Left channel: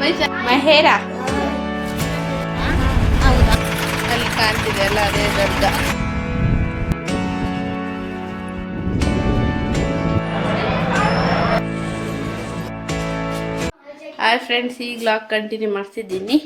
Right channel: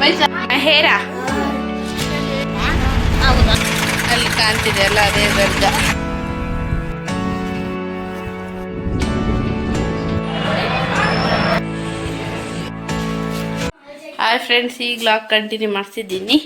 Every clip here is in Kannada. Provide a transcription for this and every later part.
ಮಹೇರ ಅಲ್ಲಿ ಕಾಣ್ತಿದೆ ಅಲ್ಲ ಅದೇ ದರ್ಗಾ. ಹಾಯ್ ಫ್ರೆಂಡ್ಸ್, ಈಗ ವ್ಲಾಗ್ ಕಂಟಿನ್ಯೂ ಮಾಡ್ತಿದ್ದೀನಿ.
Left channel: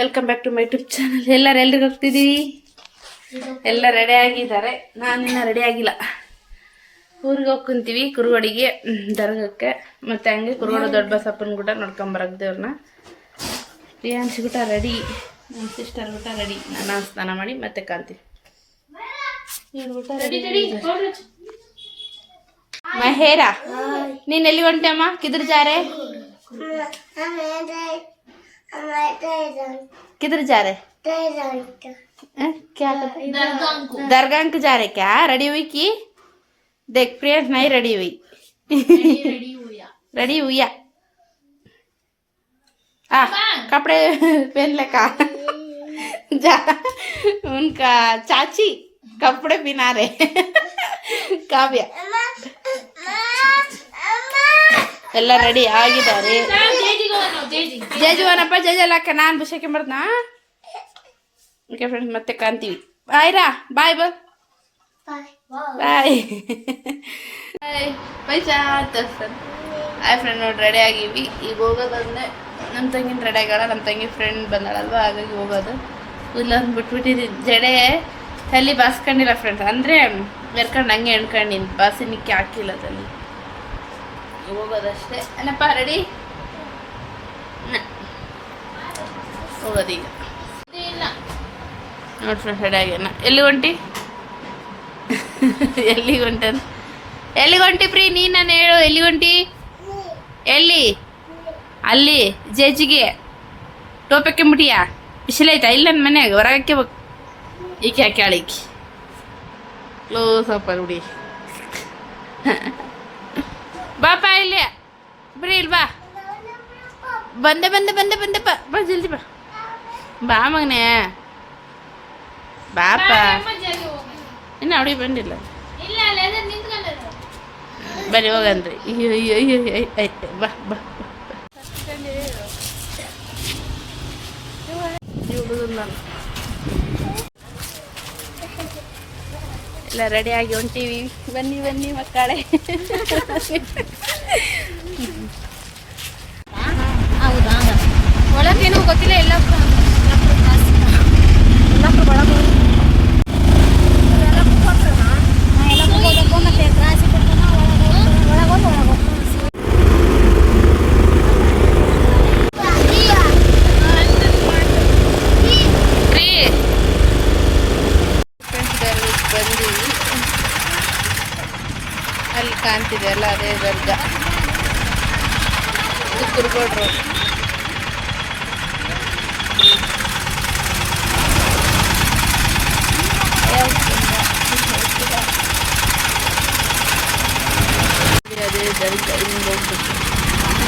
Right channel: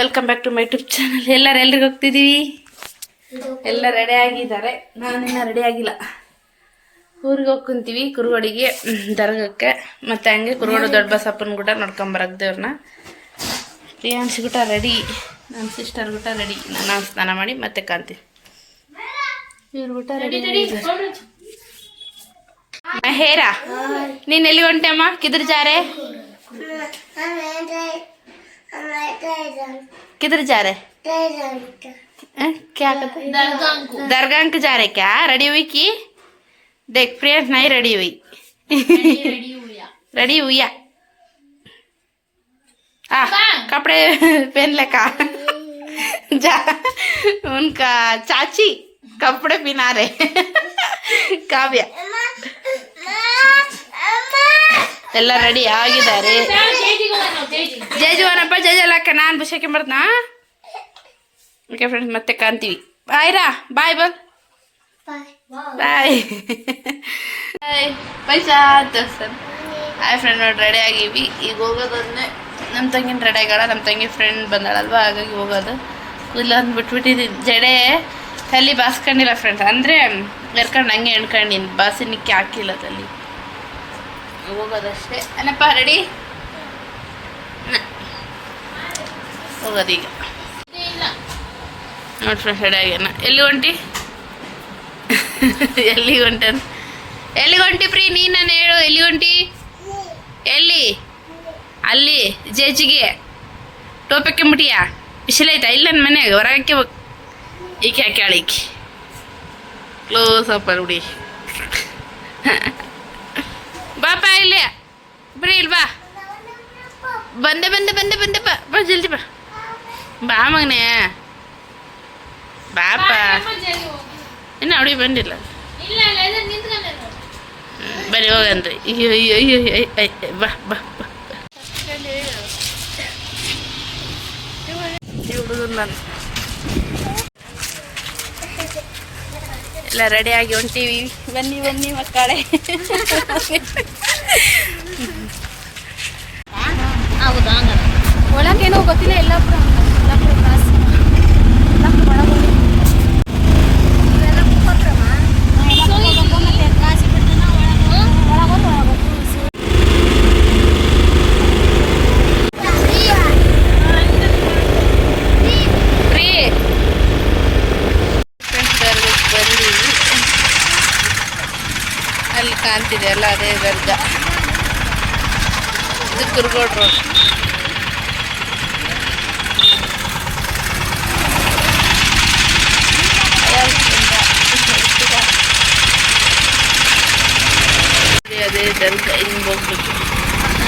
Welcome back to my YouTube channel. ಎಲ್ರಿಗೆ ಹೋಗ್ತಿದ್ದೀವಿ? ಎಲ್ಲ ರೆಡಿ ಆಗಿದ್ದಾರೆ. ನಾನಿನ್ನ ರೆಡಿ ಆಗಿಲ್ಲ. ಊರಿಗೆ ಹೋಗ್ಕೊಂತೀವಿ ಕುರುವಡಿಗೆ ದರ್ಗಕ್ಕೆ. ಮತ್ತು ಹಂಗೆ ಕುರುವಡು ದೊಡ್ಡ ಬಸಪ್ಪನ ಗುಟ ನೋಡ್ಕೊಂಬರಕ್ಕೆ ದೇವ್ರನ್ನ. ಪ್ರಿಯಾಂಶಿ ಗುಟ ರೆಡಿ, ನನ್ನ ಸಿಸ್ಟರ್ ಗುಟ ರೆಡಿ. ನಾನು ಸ್ನಾನ ಮಾಡಿ ಮತ್ತೆ ಕಾಣ್ತೀವಿ. ಇವ್ರ ಗುಟ ರೆಡಿ. ಮಹೇರಾ, ನೀನು ಎಲ್ಲಿ ಹೊಂಟಮ್ಮ? ಕಿದ್ರ ಜಾರೆ किधर जा रहे? क्या कहते? दरगाह को जा रहे क्या? रेडी हुई की? देख प्रियंश नहीं रेडी हुई. रेडी हुई कपड़े पहन ले का जा. उनका चाची कपड़े पहना रहे. काव्य ಎಲ್ಲ ರೆಡಿ ಆಗಿದ್ದಾರೆ. ಜೇಜುವನಪ್ಪ ಜೇಜಲ್ಲಕ್ಕ ನಾನು ಬುಷಕ್ಕೆ ಬರ್ತಾ. ಓಕೆ ಫ್ರೆಂಡ್ಸ್, ಮತ್ತೆ ಕಾಣ್ತೀವಿ. ಬಾಯ್ರಾ, ಬಾಯ್ ಬಲ್ ಬಾಯ್ ಬಾಯ್ ಪೈಸಾ ತರ್ಸನ್. ಹಾಯ್ ಫ್ರೆಂಡ್, ನೋಡಿ ರೆಡಿ ಆಗೀವಿ. ಈಗ ಹೋಗೋದನ್ನೇ ನಮ್ಮ ತಂಗಿನ ರೆಡಿ ಆಗ್ಯಾಳ. ನಮ್ಮ ತಂಗಿ ಫ್ರೆಂಡ್ ಬಂದಾಳಲ್ವ, ಹಾಗಾಗಿ ಹೋಗೋದು. ಇಲ್ಲ ಅಂದು ಬಿಟ್ಬಿಟ್ಟಿದ್ದೀನಿ. ಜಡೆ ತಲೆ ಬಾಸ್ಕೊಂಡಿಲ್ಲ ಫ್ರೆಂಡ್ಸ್, ಅಂದರೆ ಎರ್ಕೊಂಡು ಹಂಗೆ ಎಣ್ಕೊಂಡಿನಿ. ಬಾಸಿನಿಕ್ಕೆ ಹಾಕಿಲ್ಲ ತಲೆ. ಹೋಗೋದಷ್ಟೇ. ಏನಪ್ಪ ರೆಡಿ? ಹೋಗೋದೀಗ. ನೋಡಿ ಫ್ರೆಂಡ್ಸ್, ರೆಡಿ ಆಗ್ಯಾನ. ಎಲ್ಲಿ ಹೊಂಟಿ? ಎಲ್ಲಿಗೆ ಹೊಂಟನ್? ಎಲ್ಲಿಗೆ ಹೊಂಟಿ ಪ್ರೀ? ನೀನು ನಾನು ಹೇಳು, ಎಲ್ಲಿ ಹೊಂಟಿ? ಎಲ್ಲಿ? ಅಲ್ಲಿ ಜೇಜಿಗೆ ಟೋಪಕ್ಕೆ ಮುಟಿಯಾ? ಬಿಸಿಲೈತಾ? ಇಲ್ಲ ನನ್ನ ಮನೆಯಾಗ ಹೊರಗಕ್ಕೆ ಹೋಗಿ. ಈಕೆ ಹಾಕ್ಯಾಳ. ಈಕೆ ಕ್ಲೋಸ್ ಅಪ್ ಹುಡಿ. ಬಾಪ ಇಲ್ಲಿ ಬರೀ ಇಲ್ಲಿ ಬಾ. ಬಂದೆ ಬಂದೆ ಬಂದೆ ಬಂದೆ ಬಾ ಬಾ ಜಲ್ದಿ ಬಾ. ಬಾ ಮಗನೇ, ಬಾಪ. ಇನ್ನು ಅವಳಿಗೆ ಬಂದಿಲ್ಲ. ಬರೀ ಹೋಗನ್ರಿ. ಅಯ್ಯೋ ಅಯ್ಯೋ ಅಯ್ಯೋ ಅಯ್ಯ ಬಾ ಬಾ ಬಾ. ಹುಡುಗನ ನಾನು ಎಲ್ಲ ರೆಡಿಯಾಗಿ ಹೊಂಟೀವಿ. ಬನ್ನಿ ಬನ್ನಿ ಮಕ್ಕಳೇ. ಒಳಗೇನೋ ಗೊತ್ತಿಲ್ಲ. ಎಲ್ಲ ಅಲ್ಲಿ ಕಾಣ್ತಿದೆ ಅಲ್ಲ ಅದೇ ದರ್ಗಾ. ಇದು ಕುರುಗೋಡ್ ರೋಡ್. ಅದೇ ದರ್ಗಾ. ಹಿಂಗೆ ಹೋಗ್ಬೇಕು.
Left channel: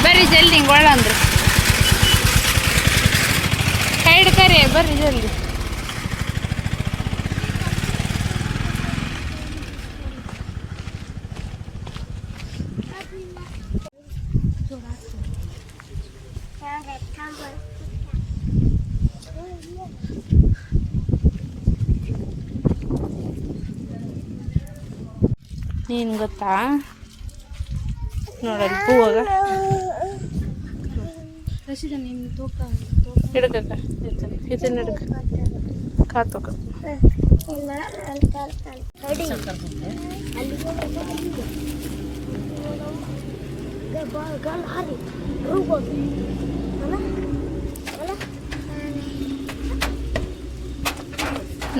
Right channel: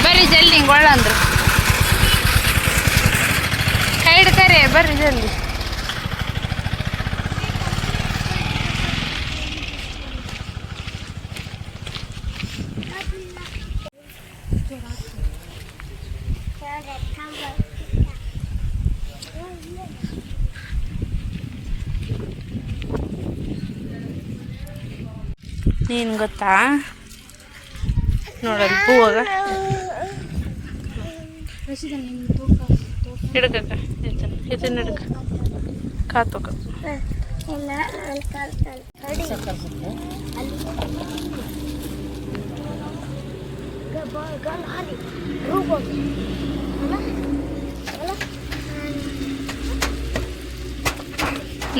ಬರ್ರಿ ಜಲ್ದಿ, ಹಿಂಗೆ ಒಳ್ಳ ಅಂದ್ರು ಕೈ ಹಿಡ್ಕರೆ. ಬರ್ರಿ ಜಲ್ದಿ. ನೀನು ಗೊತ್ತಾ ನೋಡಲ್ಲಿ ಹೂವಾಗ ಹಿಡ್ಕಕ್ಕ ಇದನ್ನ ಹಿಡ್ಕ ಕಾತೋಕ.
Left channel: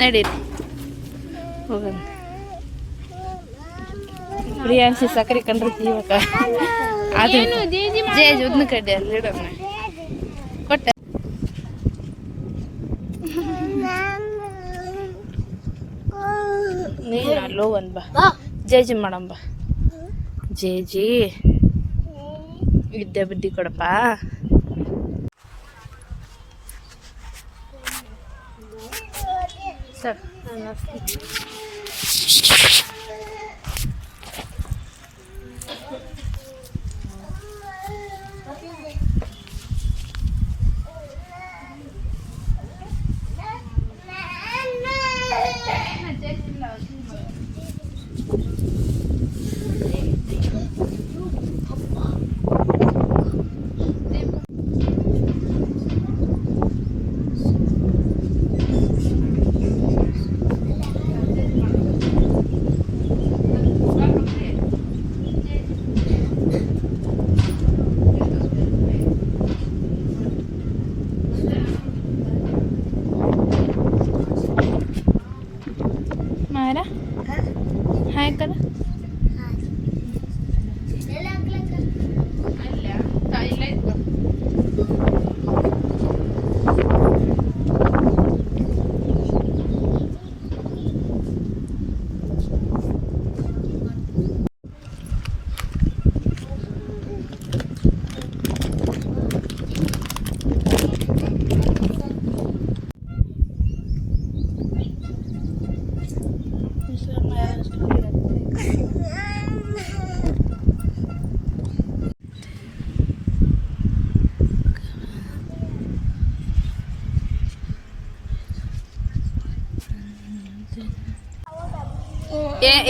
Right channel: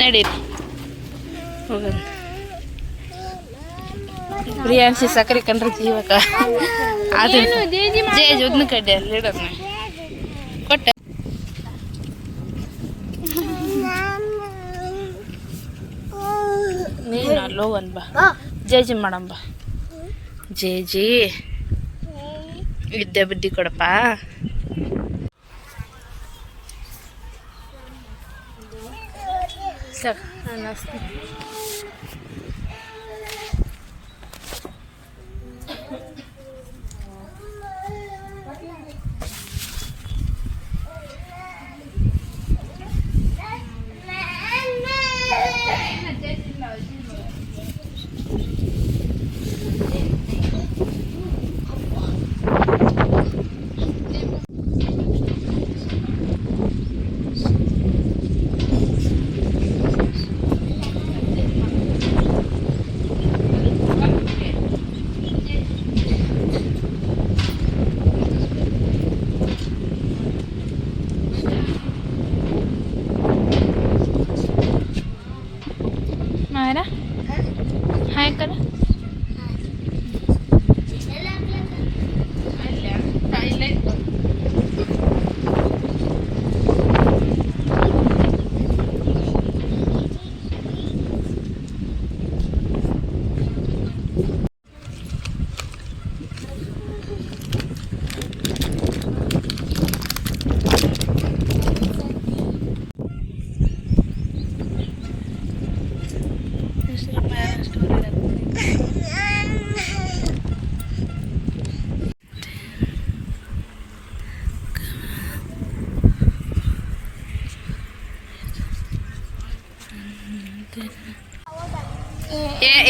ನಡೀರಿ ಹೋಗೋಣ. ಪ್ರಿಯಾಂಶಿ ಸಕ್ಕರೆ ಕಂಡ್ರೆ ಜೀವಕ. ಅದು ಜೇಜ್ ಉದ್ನ ಕಡ್ಡೆ ಅಲ್ಲಿ ಇಡೋಣ ಕೊಟ್ಟ. ನೀನು ಅಲ್ಲೋ ಒಂದು ಬಾ. ಜೇಜಿ ಮಾಡಂಬ. ಜೇಜಿ ವಿದ್ಯೆ ಬುದ್ಧಿ ಕೊಡಪ್ಪ. ಸಾಕು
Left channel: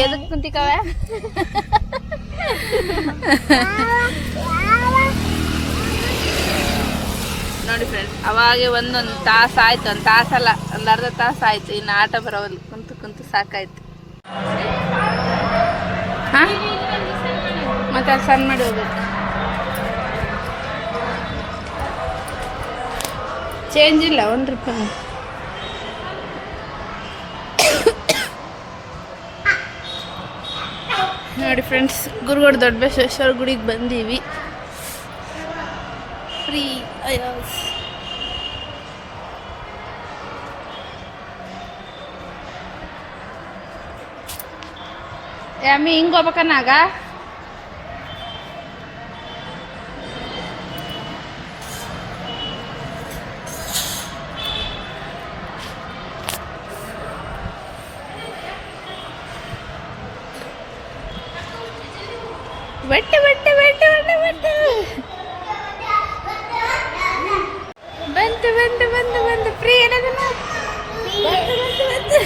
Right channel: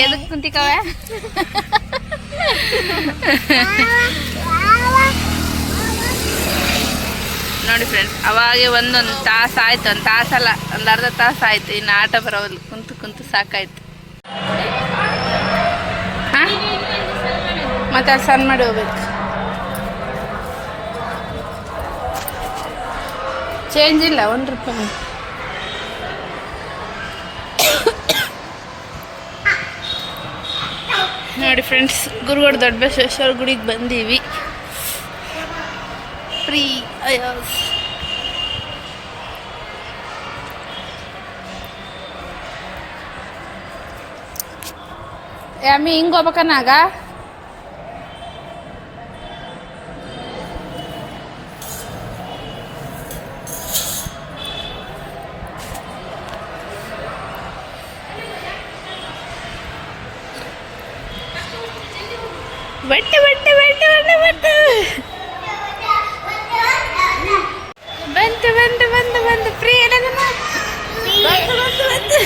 ಎದಕ್ಕೆ ಕುಂತಿಕವ ನೋಡಿ ಫ್ರೆಂಡ್ಸ್, ಅವಾಗೆ ಒಂದೊಂದು ತಾಸು ಆಯ್ತು, ಒಂದು ತಾಸಲ್ಲ ಒಂದು ಅರ್ಧ ತಾಸು ಆಯ್ತು. ಇನ್ನು ಆಟ ಬರೋಲ್ಲ, ಕುಂತು ಕುಂತು ಸಾಕಾಯ್ತು. ಹಾಂ, ಮತ್ತೆ ಅದು ಸಣ್ಣ ಮಾಡಿ ಹೋಗ್ಬೇಕು. ಚೇಂಜ್ ಇಲ್ಲ, ₹1. ನೋಡಿ ಫ್ರೆಂಡ್ಸ್, ಗುರುಗೋಡು ದೊಡ್ಡ ಬಸವೇಶ್ವರ ಗುಡಿಗೆ ಬಂದೀವಿ. ಫ್ರೀ ಅಯ್ಯೋಸ್ ಯಮ್ಮಿ ಹಿಂಗೆ ಹೋಗ್ಬೇಕನ್ನಾಗ ಬಟ್ಟೆ ಬಟ್ಟೆ ಬಟ್ಟೆ ಬಟ್ಟೆ ಬಟ್ಟೆ ಬಂತು ಬಂತು ಬಂತು ಬಂತು ಫ್ರೀ ಏನದನ್ನ ಬಂತು ಬಂತು ಬಂತು.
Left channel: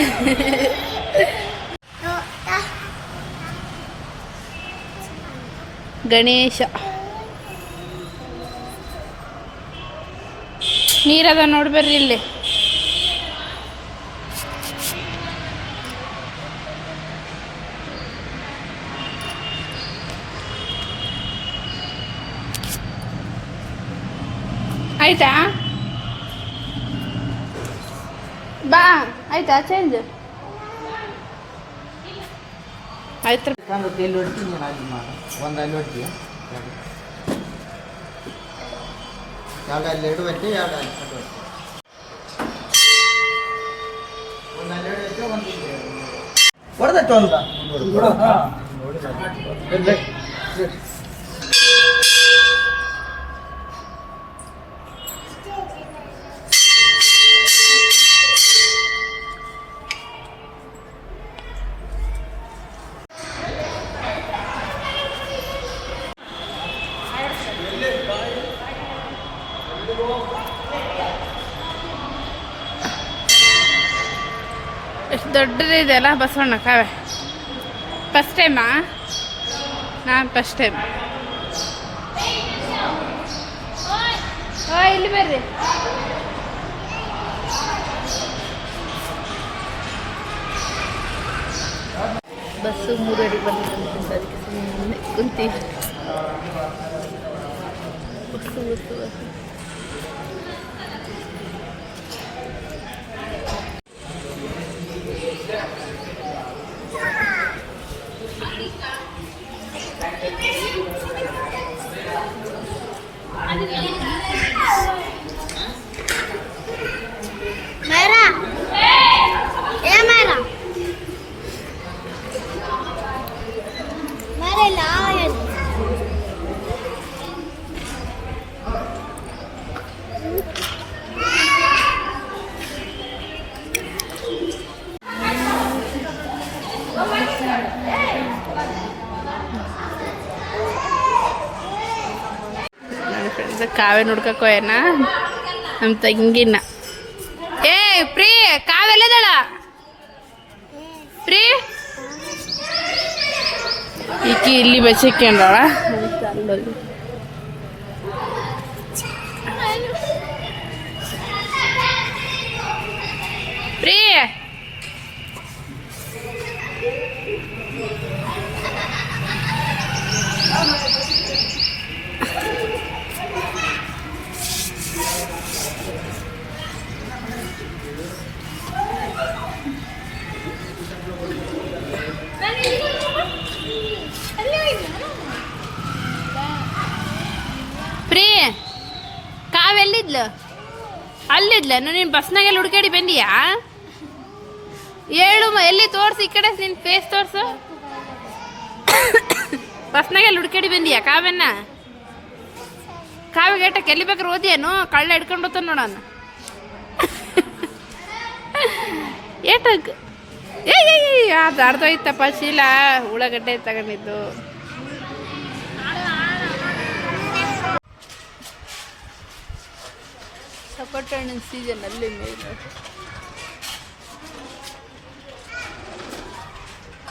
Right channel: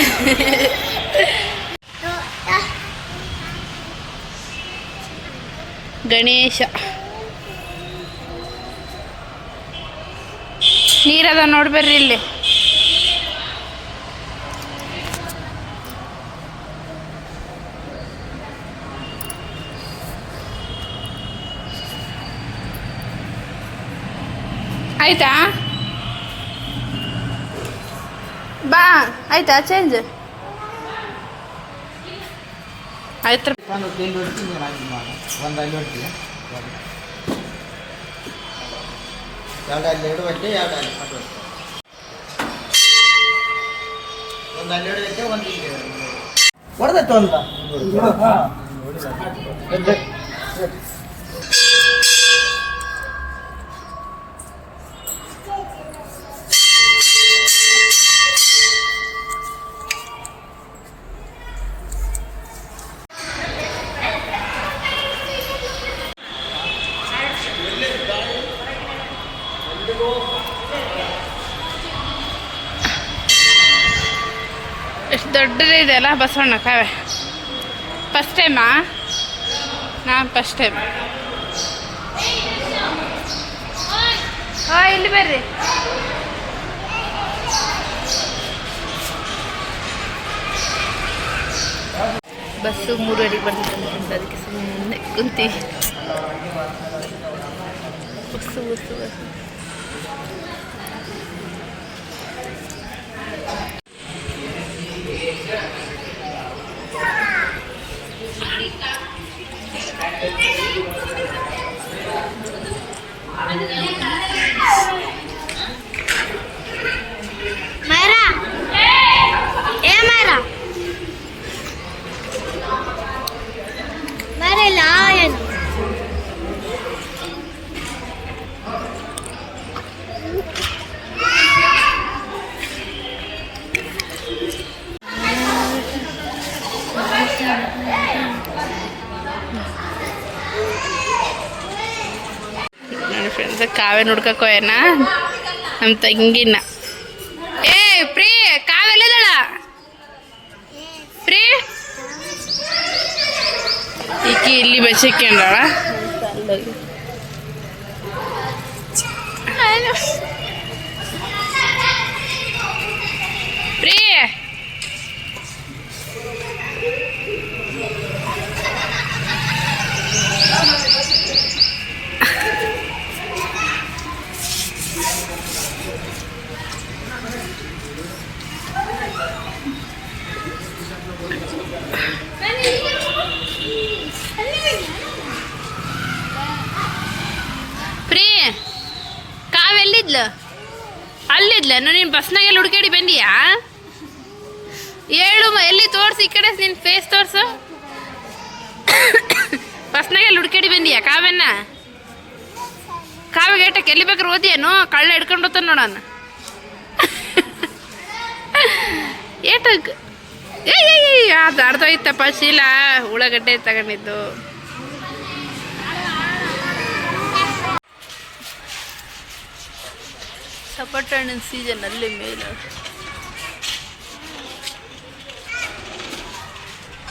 ಗಣೇಶ ನೀರದ ನೋಡ್ಬರ್ರಿ ಇಲ್ಲಿ. ಆಯ್ತಾ ಬಾ, ಆಯ್ತಾ ಚೇಂಜ್ ಆಯ್ತು. ಎಷ್ಟು ದೊಡ್ಡದೇ ಇದೆಯಲ್ಲ ಬಸವಣ್ಣ ಕಾವೆ. ಫಸ್ಟ್ ಟೈಮಾ? ನಾನು ಫಸ್ಟ್ ಟೈಮ್. ಇಲ್ಲಿ ಬರ್ರಿ. ಬಸ್ಸು 3 ಬರ್ತದೆ, ಅದಕ್ಕೆ ಸುಮ್ಮನೆ ಕುಂತೀವಿ. ಬಸ್ಸು ಬಸ್ಸು ಬಸ್ಸು ಫ್ರೆಂಡ್ಸ್, ಕಾವ್ಯ ನೋಡ್ಕೋಯನ ನಮ್ಮ ತಂಗಿನ. ಏ ಪ್ರೀ, ಕಾವ್ಯಲ್ಲ ಪ್ರೀ ಈಕಿ ಇಲ್ಲಿ ಬಚ್ಚಕ್ಕೆ ಅಂದಳ. ಪ್ರೀ ಕಾವೆಲ್ಲಿದ್ಲು? ಅಲ್ಲಿದ್ಲ? ನೀನು ಬಸ್ನಾಗೆಲ್ಲ ಹುಡುಕಾಡಿ ಬಂದಿಯಾ? ಹೇಳು, ಎಲ್ಲಿ ತೋರಿಸಿ, ಈ ಕಡೆ ನಿನ್ನ ಫೇಸ್ ತೋರಿಸು. ಬಸ್ನಾಗೆಲ್ಲ ಹುಡುಕಾಡಿ ಬಂದಿಯಾ ಕಾವ್ಯನ? ಕಾವ್ಯ ಗೇಟಕ್ಕೆ ಎಲ್ಲಿ ಬೇಕಾದ್ರೆ ಓದಿಯೇನು? ಕಳ್ಳ ಹಿಡ್ಕೊಂಡು ಹೋಗ್ತಾನೆ ನೋಡೋಣ. ಏಟಕ್ಕೆ ಅದು ಅರ್ಧೋಯ್ತಪ್ಪ. ಶೀಲ ಉಳ್ಳಾಗಡ್ಡೆ ತಗೊಂಡಿದ್ದು. ಸಪೋಟ ಹಣ್ಣಿನ ಸೀಸನ್ ಅಲ್ಲಿ ಮೇಲೆ